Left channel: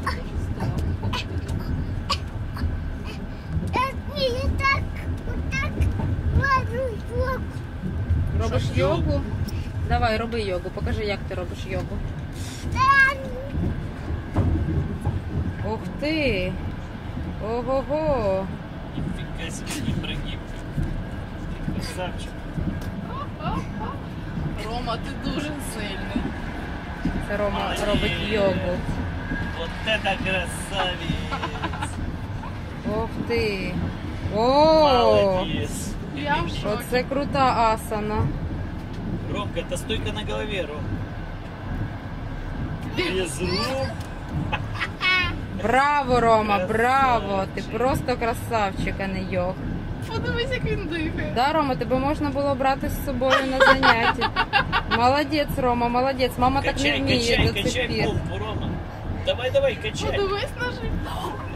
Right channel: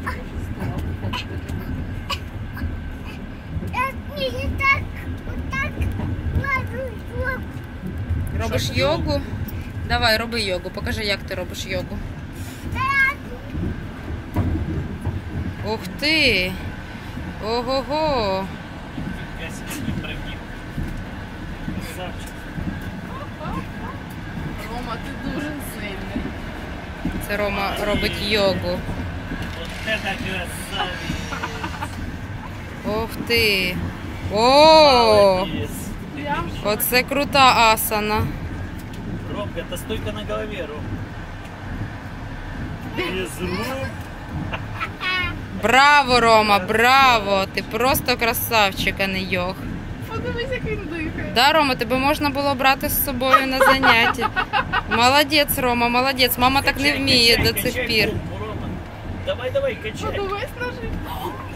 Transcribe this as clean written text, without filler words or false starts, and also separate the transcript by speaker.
Speaker 1: Робиш йогу? Давай, роби йогу. Покажи, як ти робиш йогу. Ух ти! Ого-го!
Speaker 2: Рома, ти дуже сильний.
Speaker 1: Це Рома робить йогу.
Speaker 3: Вот это красавец!
Speaker 1: Ух ти! О!
Speaker 3: Молодец!
Speaker 1: Оце крута асана.
Speaker 3: Ромка, это стойка на голове, Ром. Без рук.
Speaker 1: Браво, Рома, браво! Ти просто красавчик, а не йог.
Speaker 2: Подивись, як він дихає.
Speaker 1: Да, Рома, тебе можна було брати з собою на заняття. Молодець, Рома, молодець. Мама так не вміє до цих пір.
Speaker 3: Помпу, Рома. Давай, давай, качай.
Speaker 2: Подивись на життя.